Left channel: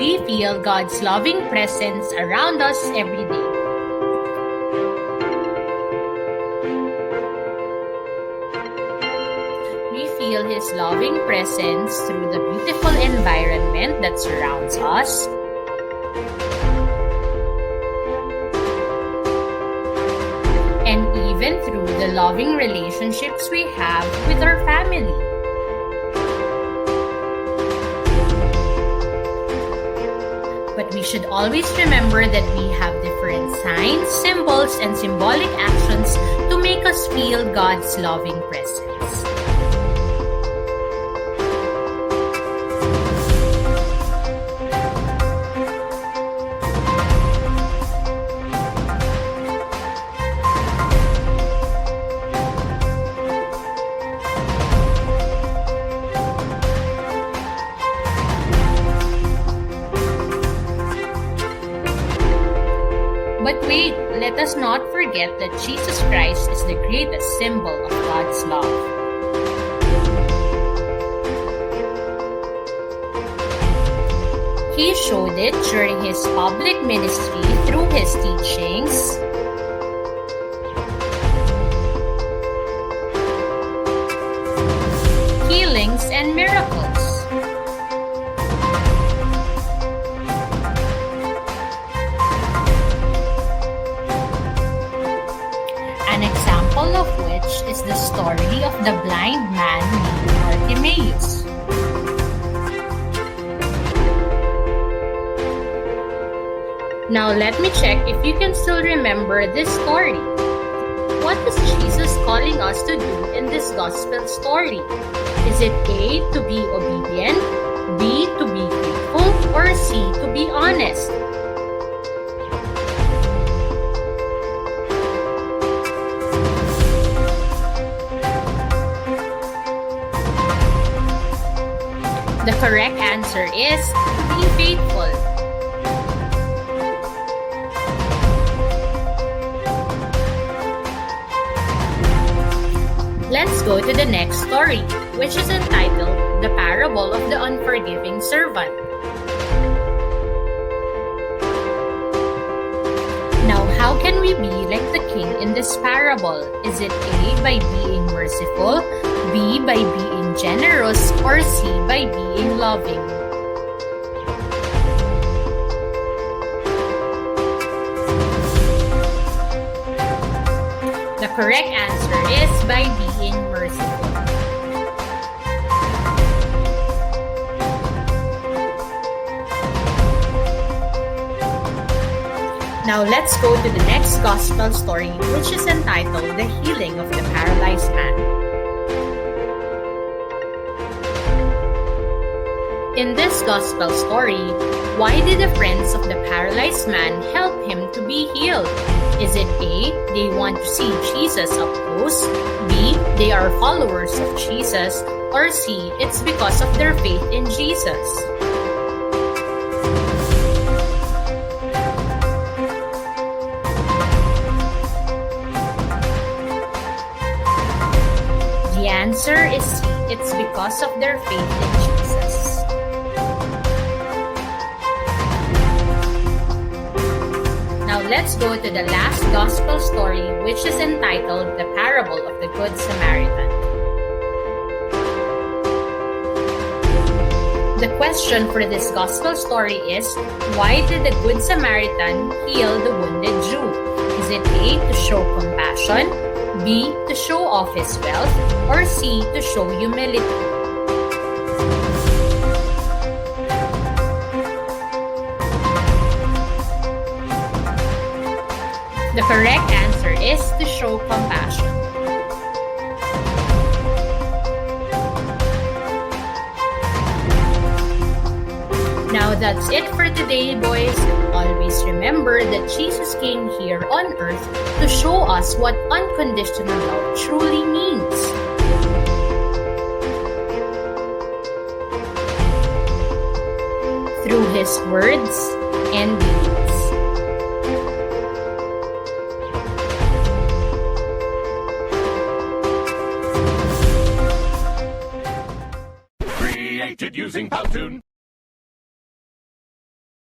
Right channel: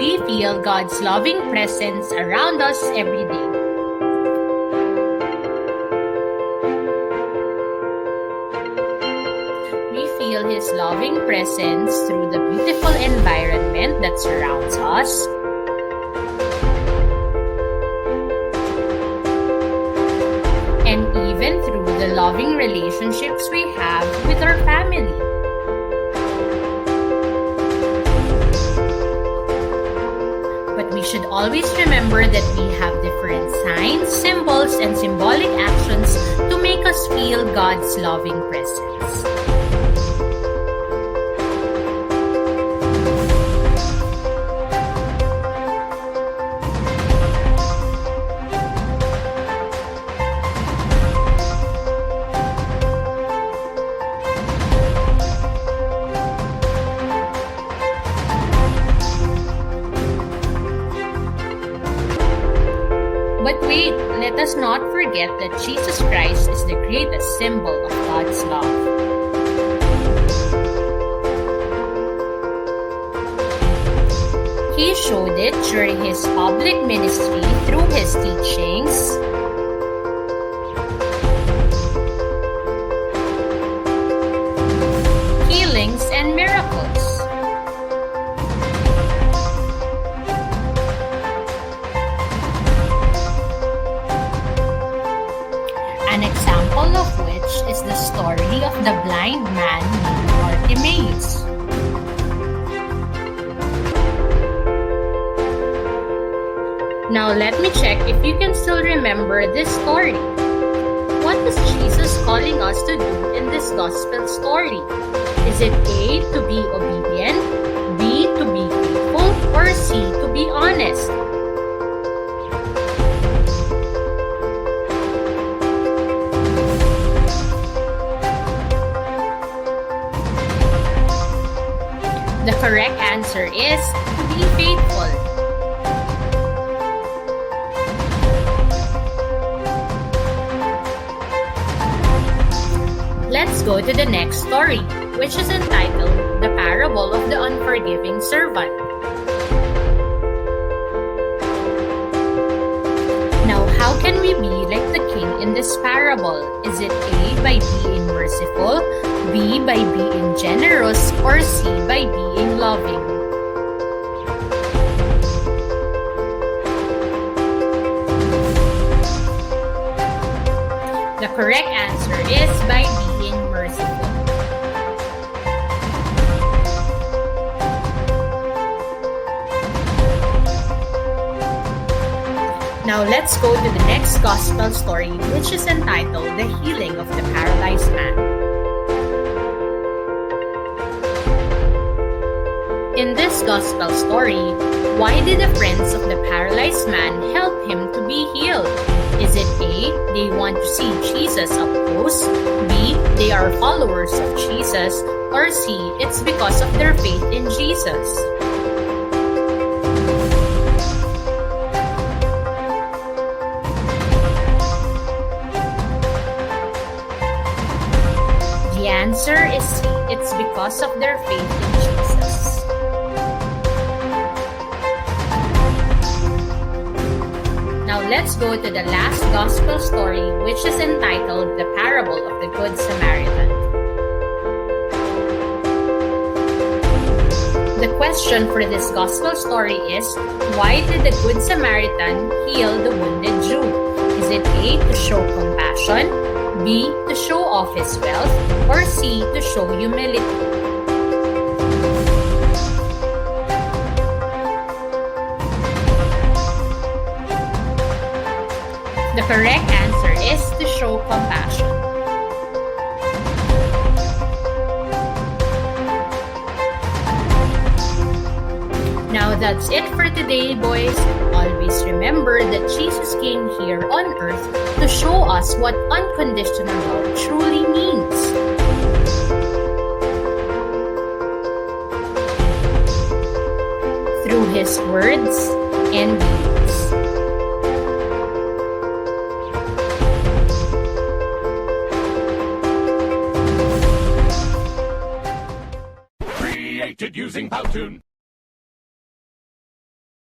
we feel God's loving presence around us every day. We feel His loving presence through the beautiful environment that surrounds us, and even through the loving relationships we have with our family. But we should always remember that we have different signs, symbols, and symbolic actions to make us feel God's loving presence. But wait, let us not forget that Jesus Christ is the greatest symbol of God's love. He showed it during His public ministry through His teachings, healings, and miracles. An example of which is the story of the blind man named Bartimaeus. Now let me check if you can still remember this story. What is Jesus calling us to do in this gospel story? Is it A, to be obedient, B, to be faithful, or C, to be honest? The correct answer is to be faithful. Let's go to the next story, which is entitled The Parable of the Unforgiving Servant. Now, how can we be like the king in this parable? Is it A, by being merciful, B, by being generous, or C, by being loving? The correct answer is by being merciful. Now let's go to the next gospel story, which is entitled The Healing of the Paralyzed Man. In this gospel story, why did the friends of the paralyzed man help him to be healed? Is it A, they want to see Jesus up close, B, they are followers of Jesus, or C, it's because of their faith in Jesus? The answer is C, it's because of their faith in Jesus. Now let's go to the last gospel story, which is entitled The Parable of the Good Samaritan. The question for this gospel story is, why did the Good Samaritan heal the wounded Jew? Is it A, to show compassion, B, to show off his wealth, or C, to show humility? The correct answer is to show compassion. Now that's it for today, boys. Always remember that Jesus came here on earth to show us what unconditional love truly means. Through His words and deeds. Created using Powtoon.